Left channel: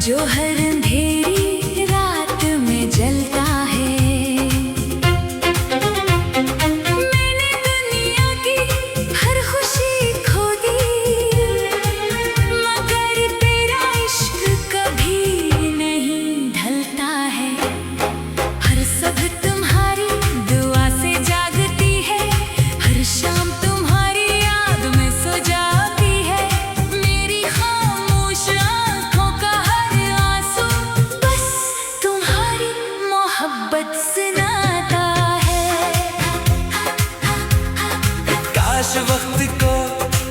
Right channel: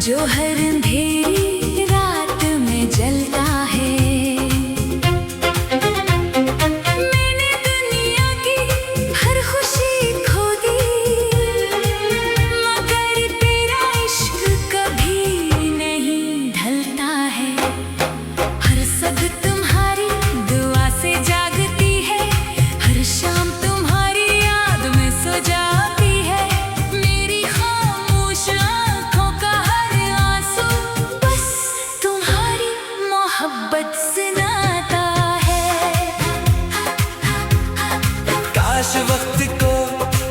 जो हर अंधेरी रात में जलता है। मैंने दुनिया की हर खुशी खो दी, मगर तेरा इश्क कभी नहीं ढलता है। हर सब तुम्हारी दुआ से जागती है, हर शाम तुम्हारी याद में सो जाती है। मेरी खामोश आँखों का हर आंसू बस तुम्हारी मोहब्बत सुनाता है। काश वक्त को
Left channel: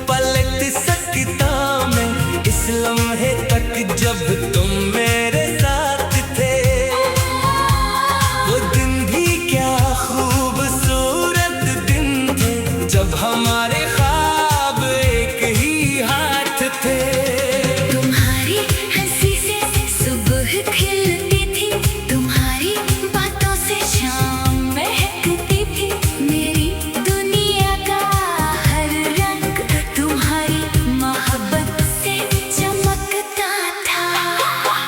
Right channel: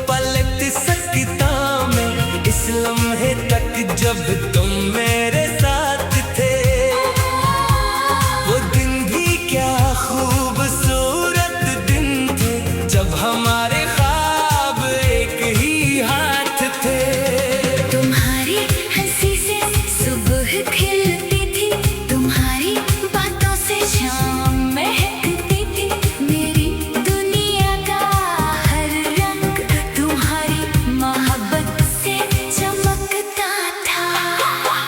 पलट सकता मैं, इस लम्हे तक जब तुम मेरे साथ थे। वो दिन भी क्या खूबसूरत दिन थे, जब हमारे ख्वाब एक ही हाथ थे। तुम्हारी हंसी से सुबह खिलती थी, तुम्हारी बातों से शाम महकती थी। मेरी दुनिया का हर रंग तुम्हारी मोहब्बत से चमकता था।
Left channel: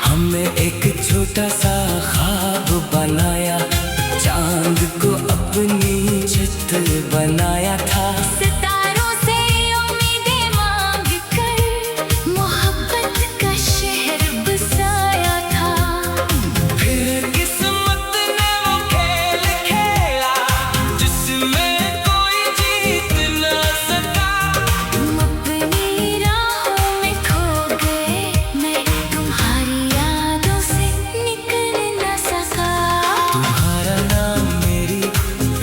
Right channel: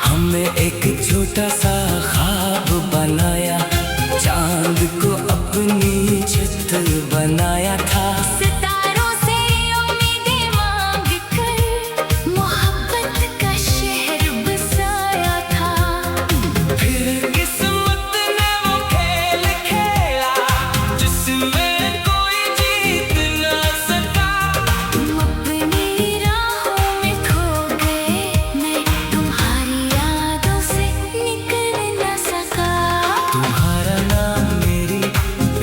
हमने एक छोटा सा ख्वाब बनाया, चांद को अपनी छत बनाया था। सितारों से उम्मीदें मांग कर मोहब्बत का शहर बसाया था। फिर किस्मत ने वो खेल खेला, जिसमें कोई जीत न सका। तुम अपनी राहों में खो गए, मैं तुम्हारी यादों से निकल न सका। तुम्हारा नाम मेरी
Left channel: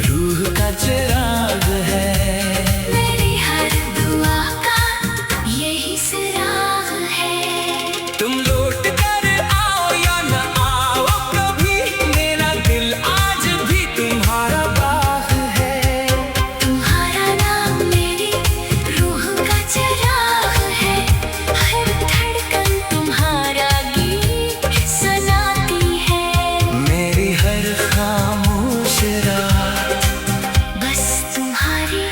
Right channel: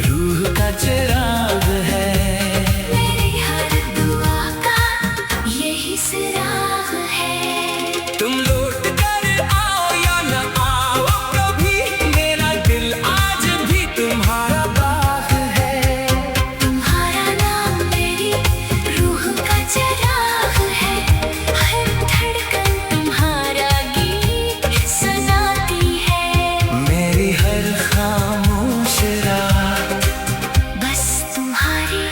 रूह का चिराग है, मेरी हर दुआ का यही सुराग है। तुम लौट कर आओ या न आओ कभी, मेरा दिल आज भी तुम्हारा बाग है। तुम्हारा नाम मेरी रूह का चिराग है, हर धड़कन तुम्हारा गीत सुनाती है। मेरी हर खामोश रात बस तुम्हारी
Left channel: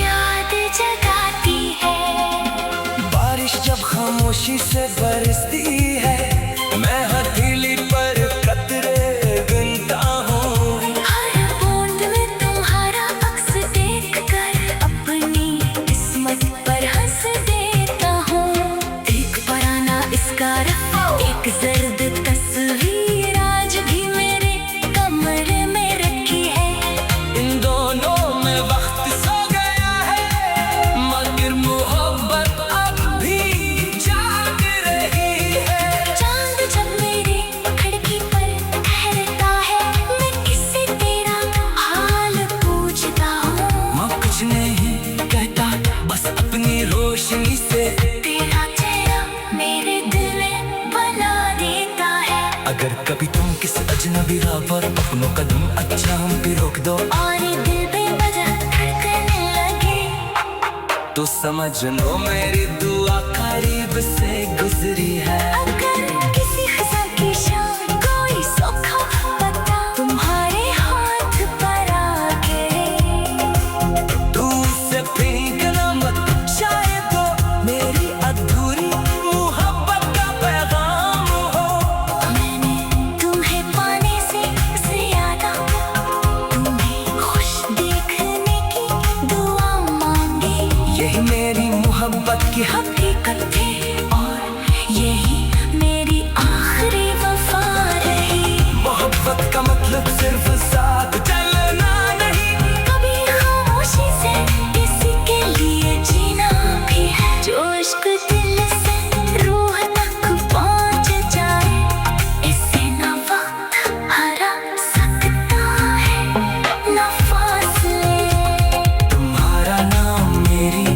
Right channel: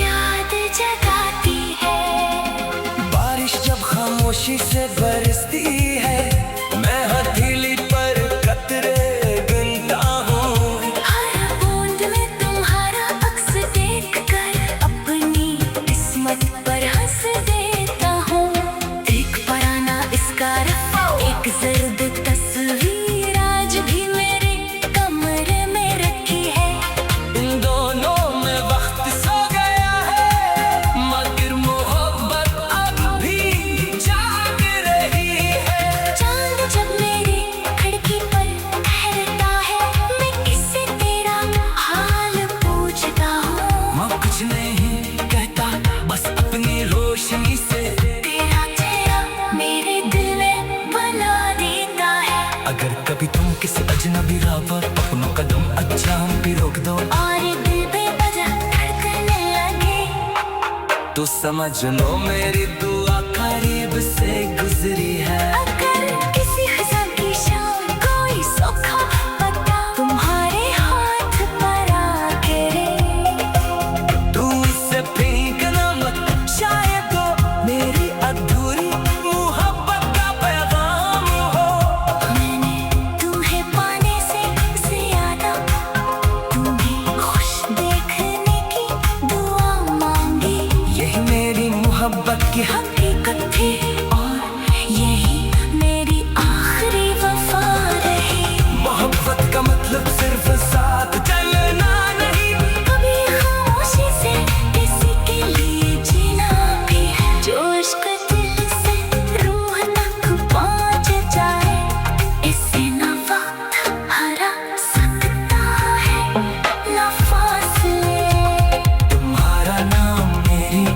याद जगाती है। बारिश जब खामोशी से बरसती है, मैं हथेली पर कतरे गिनता हूँ। हर बूंद में तुम्हारा अक्स देखकर अपनी किस्मत पर हंस देता हूँ। एक पुराना स्कार, एक जर्द तस्वीर आज भी मेरे कमरे में रखी है। इन दोनों में वक्त सो गया है, मगर मोहब्बत अब भी जाग रही है। चांद जब मेरी खिड़की पर ठहरता है, मैं किससे तेरा हाल पूछता हूँ। मैं कुछ नहीं कहता, बस अपनी रोशनी से तेरा चेहरा मेरे दिल में बना देता है। अगर कभी तुम किसी अजनबी राह पर अपनों कदम अच्छा हम भी रोक दो, और दिल बेवजह धड़कने लगे, तो समझ लो मेरी दुआ करीब से गुजरी है। अगर किसी खिजा की शाम कोई सूखा पत्ता तुम्हारे हाथ पर आ गिरे, तू उसे फेंकना मत, शायद वो मेरी अधूरी मोहब्बत का पैगाम हो। मैंने तुम्हें पाने से ज्यादा तुम्हें खुश देखने की दुआ मांगी। यही मेरी मोहब्बत की हकीकत थी और यही मेरी आखिरी वफा रही। मोहब्बत का मतलब सिर्फ साथ चलना नहीं, कभी खामोशी से किसी के लिए जीना भी है। जो इश्क दिल से रूह तक पहुंच जाए, इसे ना वक्त हरा सकता है, ना फासले। तुम्हारा नाम मेरी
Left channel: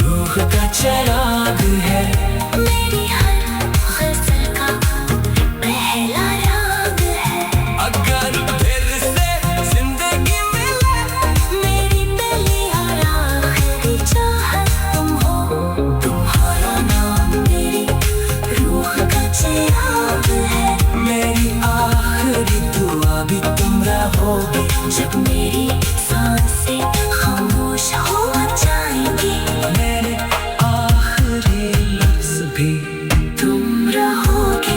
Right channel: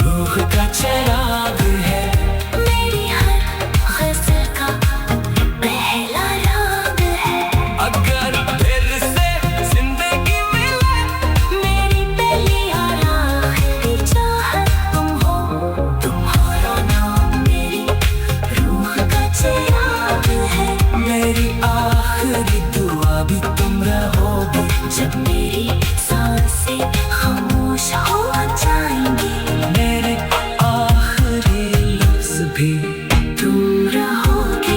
रूह का चिराग है, मेरी हर गज़ल का पहला राग है। अगर फिर से जिंदगी मिले, मेरी पहली और आखिरी चाहत तुम हो। तुम्हारा नाम मेरी रूह का चिराग है, मेरी आखिरी दुआ भी तुम रहोगे। जब मेरी सांसें खामोश हो जाएंगी, मेरे आखिरी लफ्ज भी तुम रहोगे।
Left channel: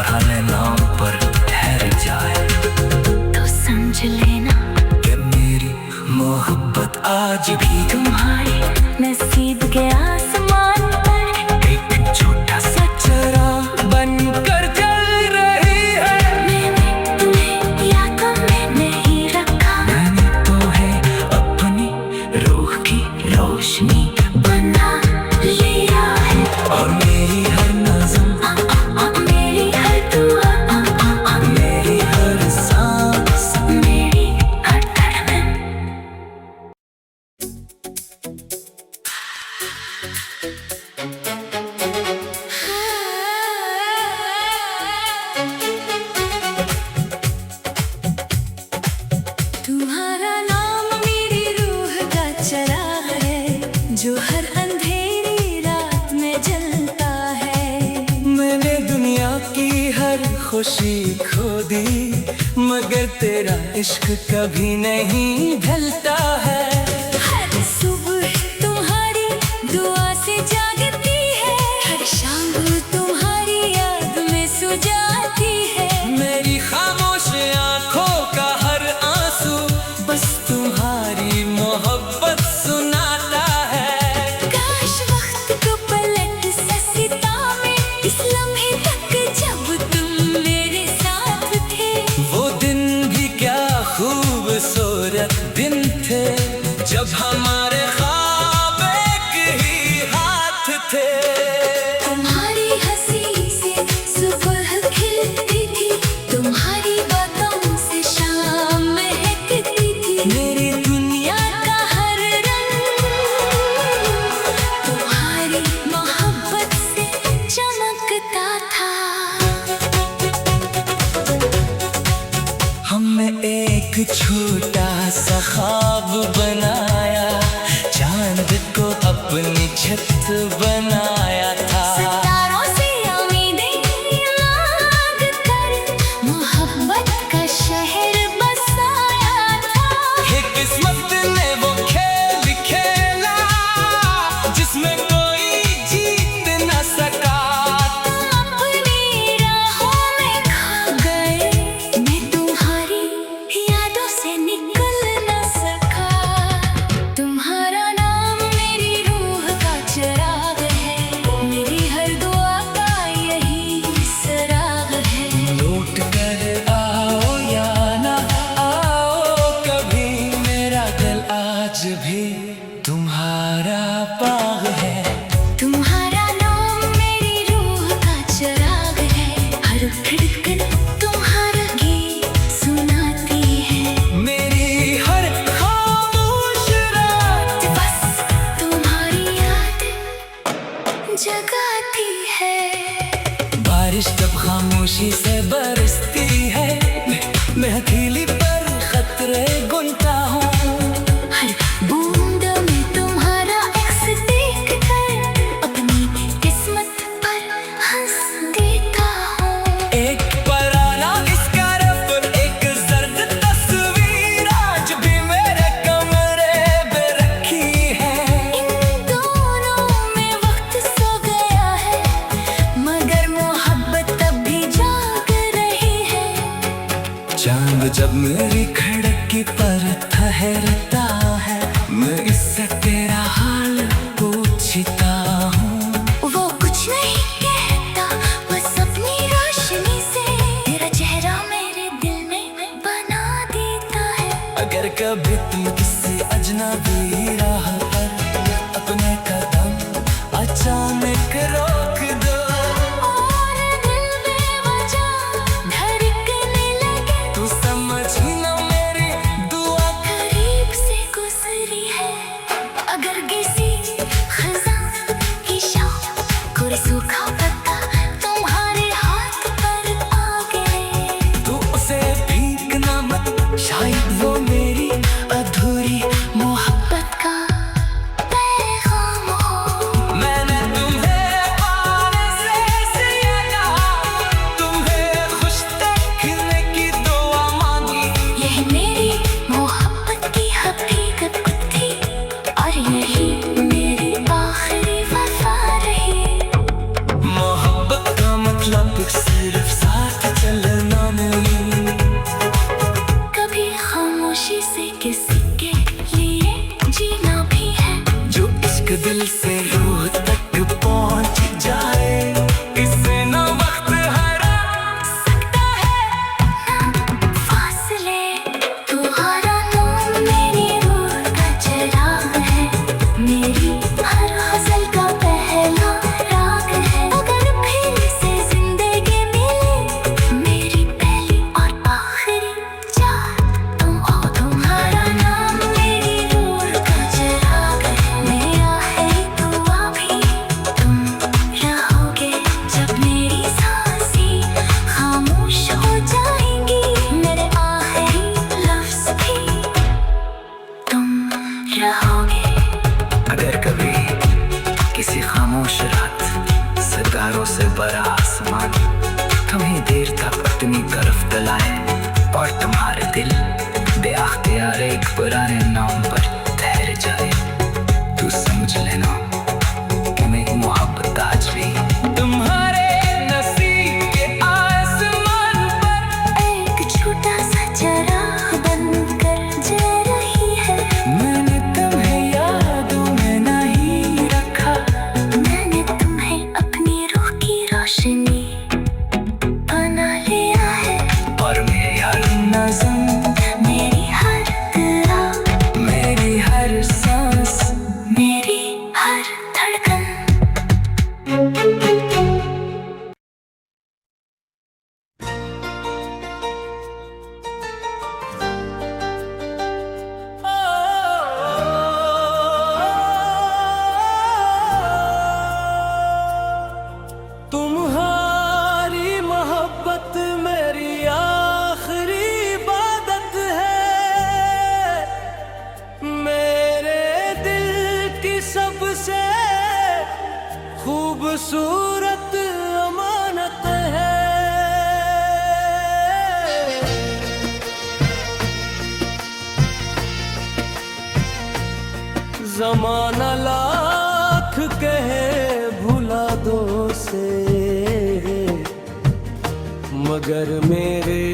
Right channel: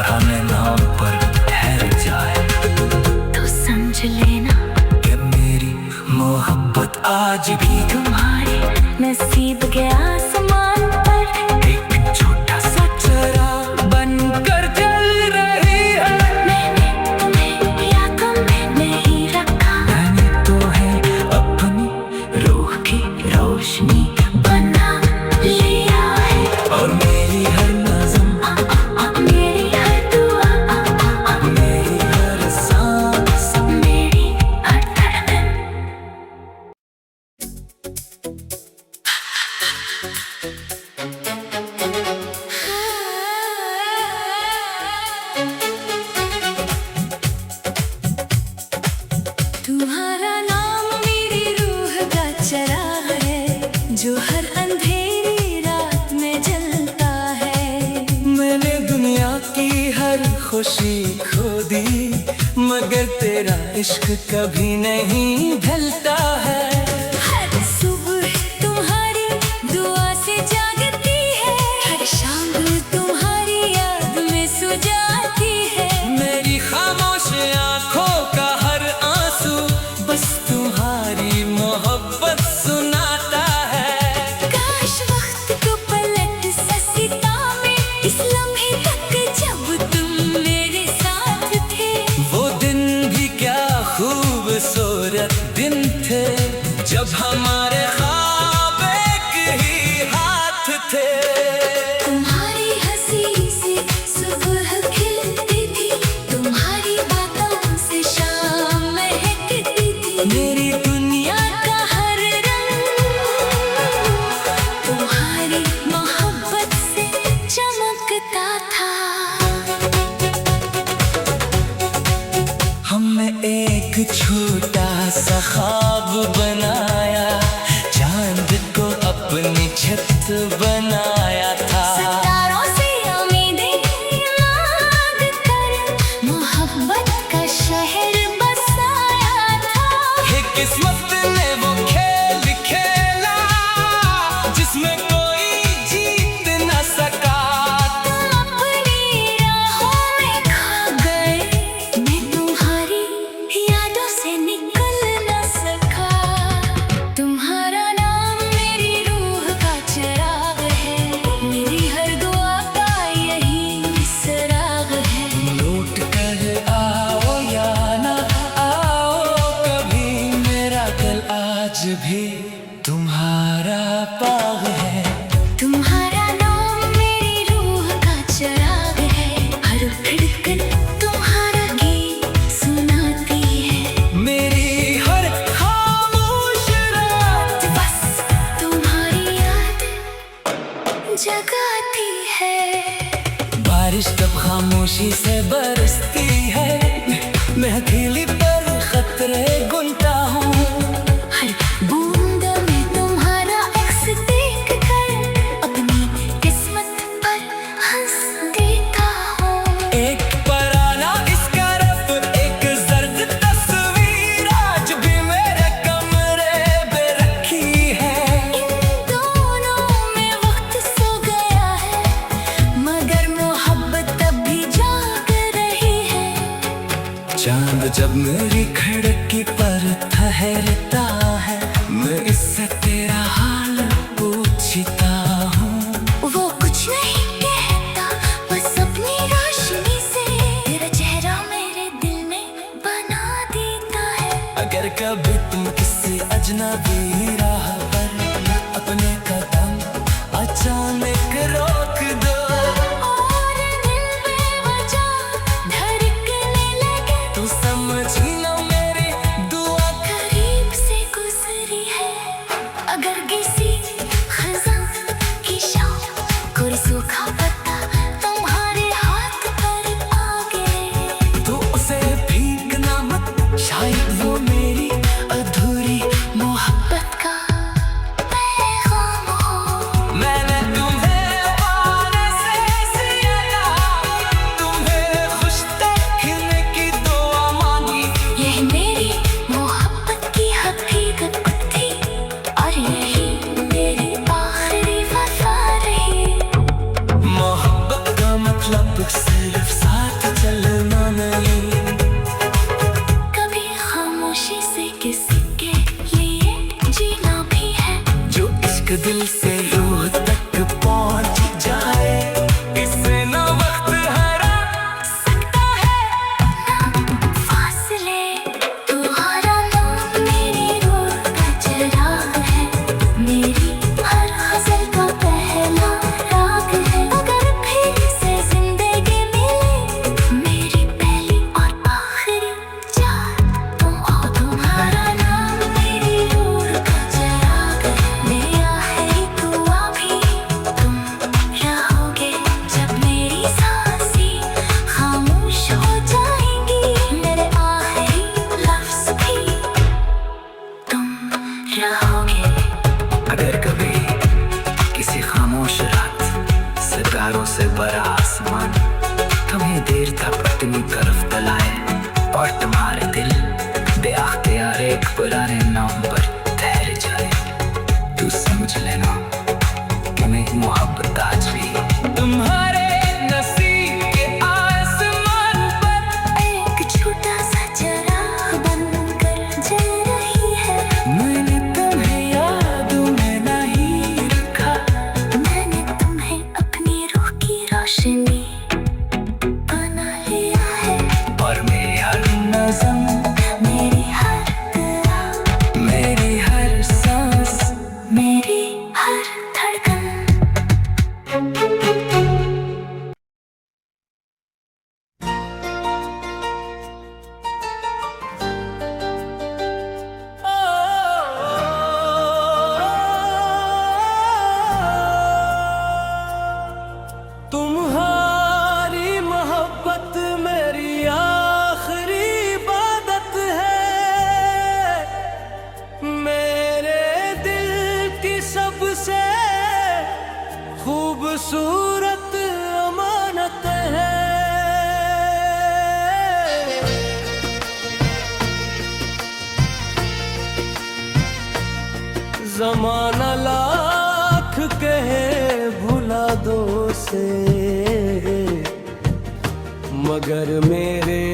फरहाने नाम पर ठहर जाए तो समझ लेना कि मेरी मोहब्बत आज भी तुम्हारी नसीब के आसमान पर एक छोटा सा चराग बनकर जल रही है। मैंने तुम्हें यादों में नहीं रखा, मैंने तो है अपनी रूह की रोशनी बना लिया है। और मेरी हर नज़म, मेरी हर दुआ, मेरी हर सांस, मेरी हर धड़कन। तुम्हारा नाम मेरी रूह का चराग है, जो हर अंधेरी रात में जलता है। मैंने दुनिया की हर खुशी खो दी, मगर तेरा इश्क कभी नहीं ढलता है। हर सुबह तुम्हारी दुआ से जागती है, हर शाम तुम्हारी याद में सो जाती है। मेरी खामोश आंखों का हर आंसू बस तुम्हारी मोहब्बत सुनाता है। काश वक्त को पलट ससीता में, इस लम्हे तक जब तुम मेरे साथ थे। वो दिन भी क्या खूबसूरत दिन थे, जब हमारे ख्वाब एक ही हाथ थे। तुम्हारी हंसी से सुबह खिलती थी, तुम्हारी बातों से शाम महकती थी। मेरी दुनिया का हर रंग तुम्हारी मोहब्बत से चमकता था। हमने एक छोटा सा ख्वाब बनाया, चांद को अपनी छत बनाया था। सितारों से उम्मीदें मांग कर मोहब्बत का शहर बसाया था। हे किस्मत ने वो खेल खेला, जिसमें कोई जीत न सका। तुम अपनी राहों में खो गए, मैं तुम्हारी यादों से निकल न सका। तुम्हारा नाम मेरी रूह का चराग है, मेरी हर दुआ का यही सराग है। लौट कर आओ या ना आओ कभी, मेरा दिल आज भी तुम्हारा बाग है। तुम्हारा नाम मेरी रूह का चराग है, हर धड़कन तुम्हारा गीत सुनाती है। मेरी हर खामोश रात बस तुम्हारी याद जगाती है। बारिश जब खामोशी से बरसती है, मैं हथेली पर खतरे गुनता हूँ। हर बूंद में तुम्हारा अक्स देख कर अपनी किस्मत पर हंस देता हूँ। एक पराना इसका रफ, एक जर्द तस्वीर आज भी मेरे कमरे पे रखी है। इन दोनों में वक्त सो गया है, मगर मोहब्बत तब भी जाग रही है। चांद जब मेरी खिड़की पर ठहरता है, मैं इससे तेरा हाल पूछता हूँ। वो कुछ नहीं कहता, बस अपनी रोशनी से तेरा चेहरा मेरे दिल में बना देता है। अगर कभी तुम किसी अजनबी राह पर अपने कदम अचानक रोक दो, और दिल बेवजह धड़कने लगे, तू समझी ना मेरी दुआ करीब से गुजरी है। अगर किसी खज़ां की शाम कोई सूखा पत्ता तुम्हारे हाथ पर आ गिरे, तो उसे फेंकना मत, शायद वो मेरी अधूरी मोहब्बत का पैगाम हो। मैंने तुम्हें पाने से ज्यादा तुम्हें खुश देखने की दुआ मांगी। यह मेरी मोहब्बत की हकीकत थी, और यही मेरी आखिरी वफा रही। मोहब्बत का मतलब सिर्फ साथ चलना नहीं। कभी खामोशी से किसी के लिए जीना भी है। जो इश्क दिल से रूह तक पहुंच जाए, इससे ना वक्त हरा सकता है ना फासले। तुम्हारा नाम मेरी रूह का चिराग है, मेरी हर गजल का पहला राग है। अगर फिर से जिंदगी मिले, मेरी पहली और आखिरी चाह तुम हो। तुम्हारा नाम मेरी रूह का चिराग है, मेरा है दुआ भी तुम रहोगे। जब मेरी सांसें खामोश हो जाएंगी, मेरे आखिरी लफ्ज भी तुम रहोगे। अगर कभी किसी खामोश रात सितारों से भरा आसमान तुम्हें देर तक अपनी तरफ तलाए, और तुम्हारे दिल बेअख्तियार एक पुराने नाम पर ठहर जाए, तू समझ लेना कि मेरी मोहब्बत आज भी तुम्हारे नसीब के आसमान पर एक छोटा सा चराग बनकर जल रही है। मैंने तुम्हें यादों में नहीं रखा, मैंने तुम्हें अपनी रूह की रोशनी बना लिया है। और मेरी हर नज़म, मेरी हर दुआ, मेरी हर सांस, मेरी हर धड़कन। तुम्हारी मोहब्बत मेरी आखिरी इबादत है, मेरे दिल की सबसे खूबसूरत अमानत है। ज़माना लाख कहे भुला दो से, मगर मेरे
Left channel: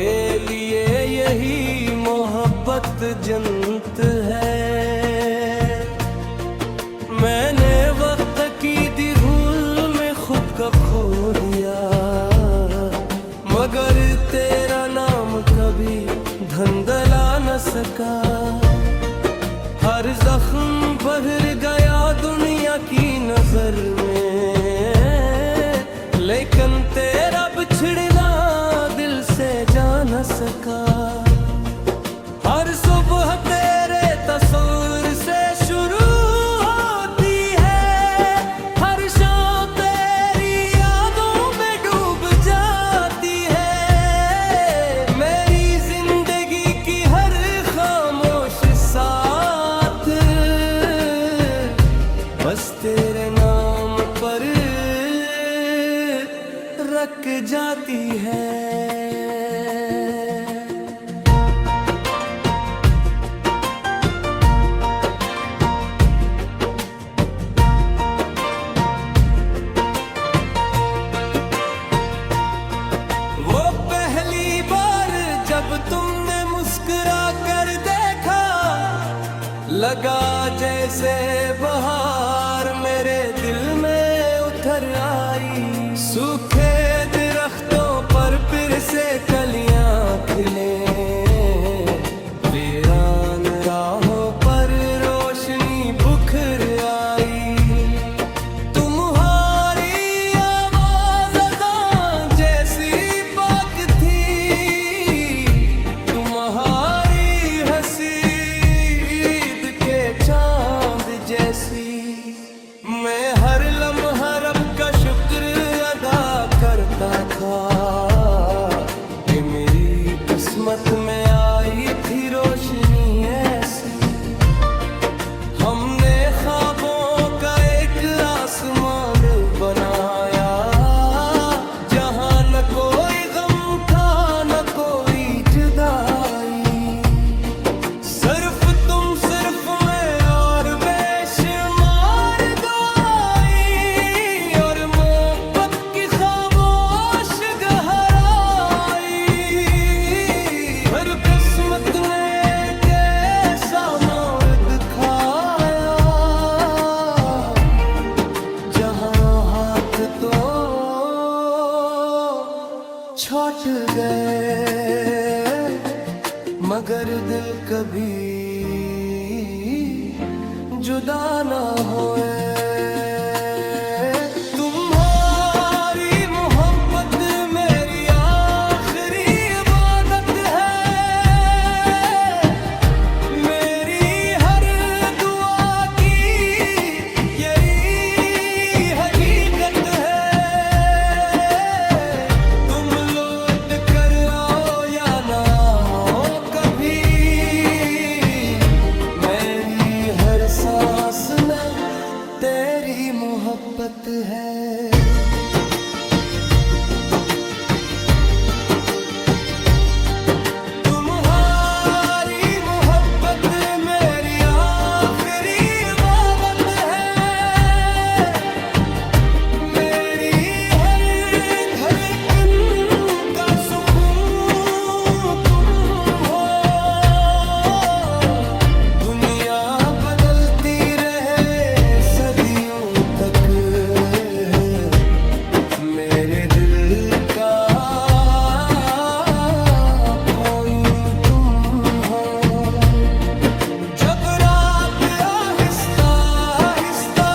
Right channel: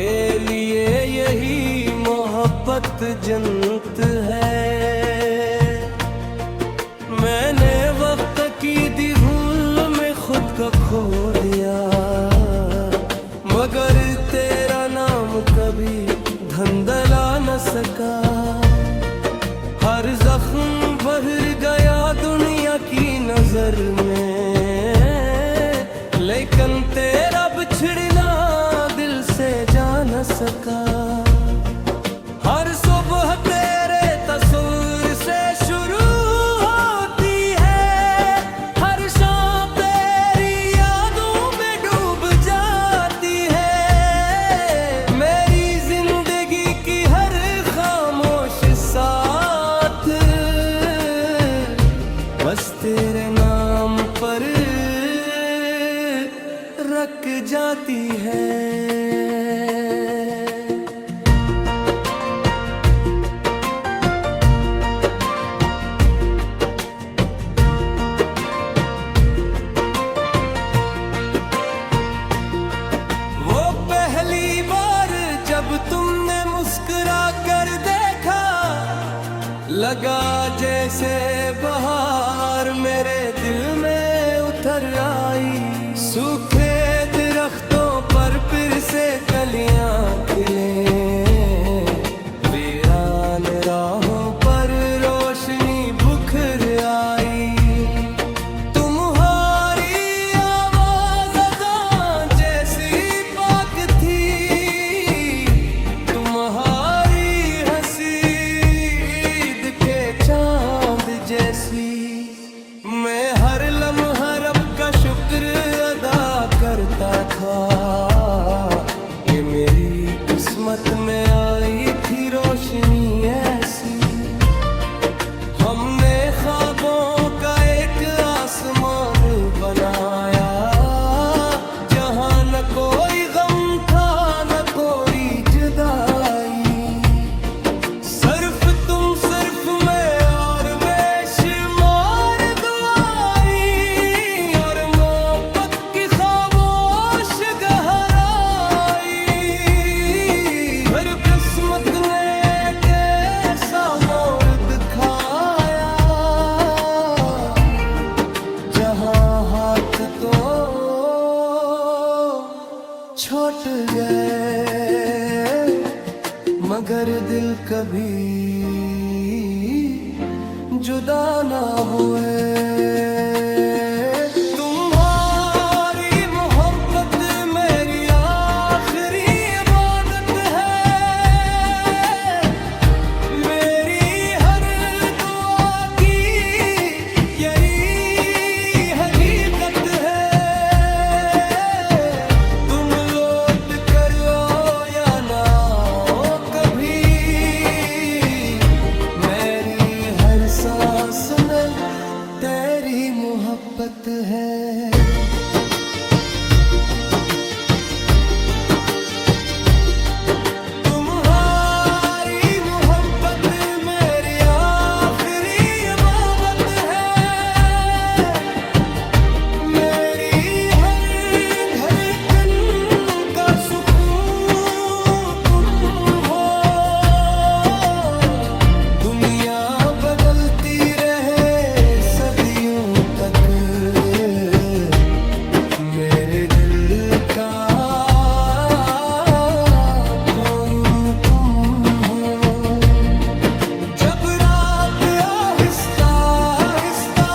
लिए यही मोहब्बत जन्नत है। मैंने वक्त की दी भूल में खुद को खो दिया, मगर तेरा नाम कभी धंधला न सका। हर जख्म भर गया दुनिया की नजर में, लेकिन तेरा बिछड़ना दिल से जा न सका। हर सुबह तेरे तस्वीर से शुरू होती है, हर शाम तेरी यादों में डूब जाती है। मेरी जिंदगी की हर खामोश साथ बस तेरे नाम पर रख जाती है। वो पहली बार जब तुमने मुस्कुरा कर देखा, लगा जैसे बहार मेरे दिल में उतर आई। सूखे दरख्तों पर फिर से कलियां खिले, वीरान राहों पर रोशनी बुखर आई। तुम्हारी आवाज़ अज़ान जैसी पाक थी, तुम्हारी हंसी ईद के चांद जैसी। मैं हर लम्हा रब का शुक्र अदा करता था कि मेरी किस्मत में आई थी रोशनी ऐसी। हमने ख्वाबों का एक आसमान बनाया, जहाँ न कोई गम था न कोई जुदाई। सिर्फ मैं और बेशुमार दुआई, और मोहब्बत की खामोश गहराई। छूट गए मगर दिल कभी जुदा ना हुए। तुम्हारी मोहब्बत मेरी आखिरी इबादत है, मेरी हर दुआ की यही हकीकत है। तुम लौट कर आओ या ना आओ कभी, मेरी हर सांस में तेरी मोहब्बत है। तुम्हारी मोहब्बत मेरी आखिरी इबादत है, मेरी हर धड़कन का सुकून तुम हो। दुनिया बदलती रहे सदियों तक, मेरे दिल का कौन तुम हो। जब रात आहिस्ता आहिस्ता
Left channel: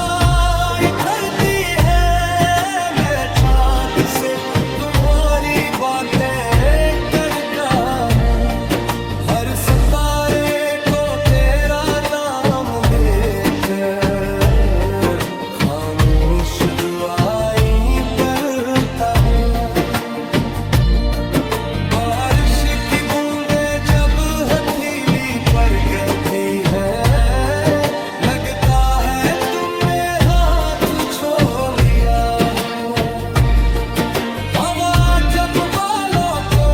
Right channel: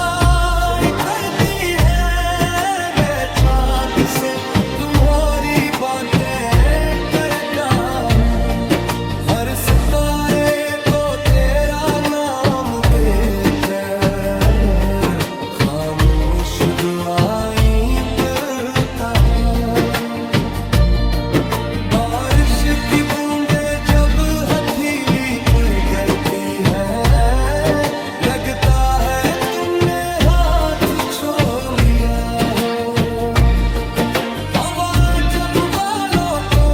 उतरती है, मैं चाँद से तुम्हारी बातें करता हूँ। हर सितारे को तेरा नाम देकर खामोश दुआएं पढ़ता हूँ। बारिश की बूंदें जब हथेली पर गिरती है, लगता है तुमने हाथ छो लिया हो। हवा जब बालों को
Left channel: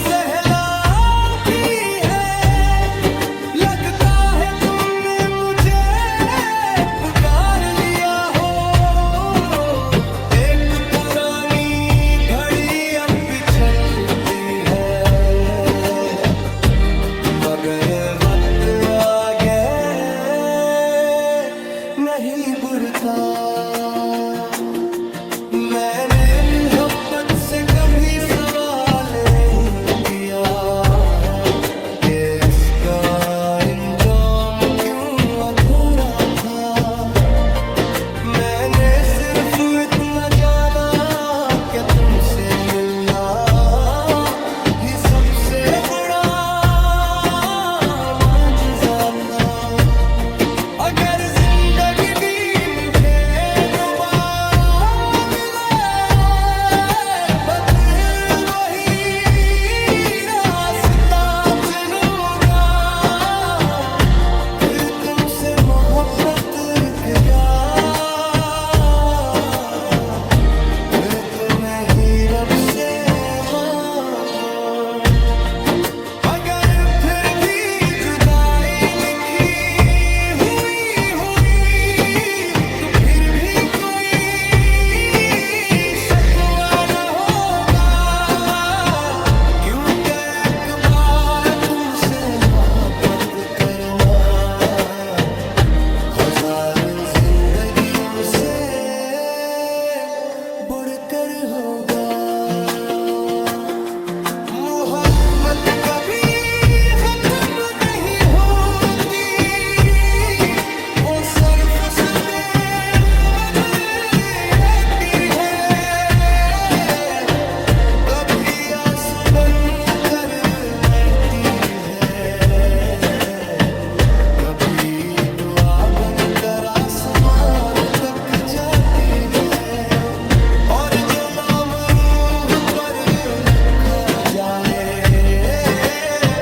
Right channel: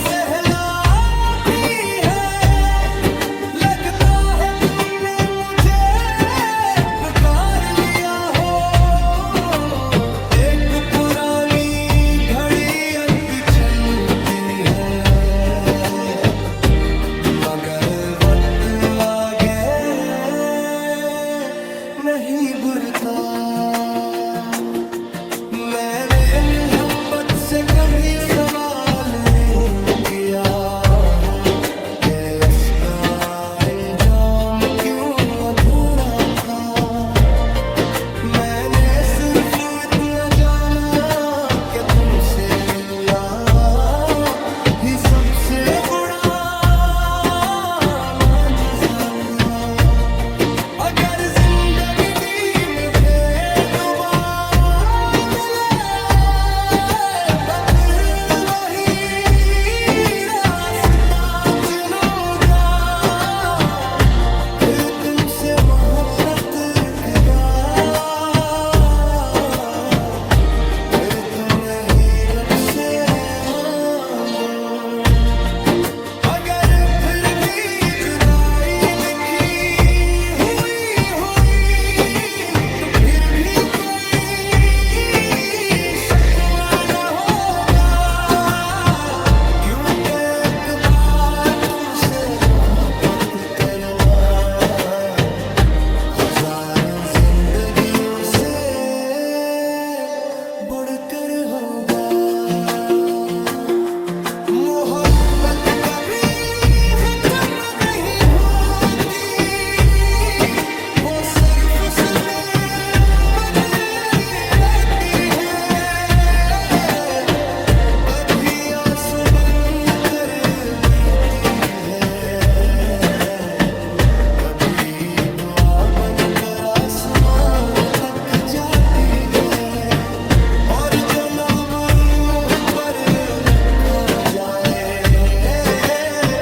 सहलाती है, लगता है तुमने मुझे पुकार लिया हो। एक पुरानी घड़ी अब भी चलती है, मगर वक्त आगे नहीं बढ़ता। मैंने मोहब्बत से कभी सवाल नहीं किया कि इसका अंजाम क्यों अधूरा था। मैंने सिर्फ इतना जाना कि तुमसे मिलना ही सबसे बड़ा माजज़ा था। अगर जिंदगी भी मुझे दोबारा मिले, बस वही रास्ता चुनूंगा। फिर तुमसे मोहब्बत रुक जा, फिर तुम्हें ही रब से मांगो। अगर फिर भी जुदाई लिखी हुई तो फिर भी कोई शिकवा न होगा, क्योंकि एक बार तुमसे मोहब्बत करना हजार जिंदगियों से बढ़कर होगा। मोहब्बत कभी खत्म नहीं होती, वो सर्फ में बदलती है। कभी आंसू बन कर महती है, कभी दुआ बनकर आसमान तक जाती है। और जो नाम रूह पर लिखा जाए,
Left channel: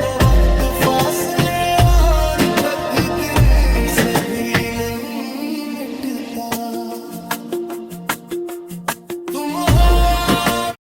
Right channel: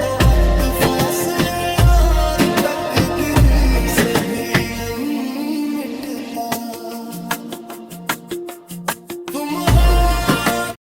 वो वक्त फासले और तकदीर से भी नहीं मिटता।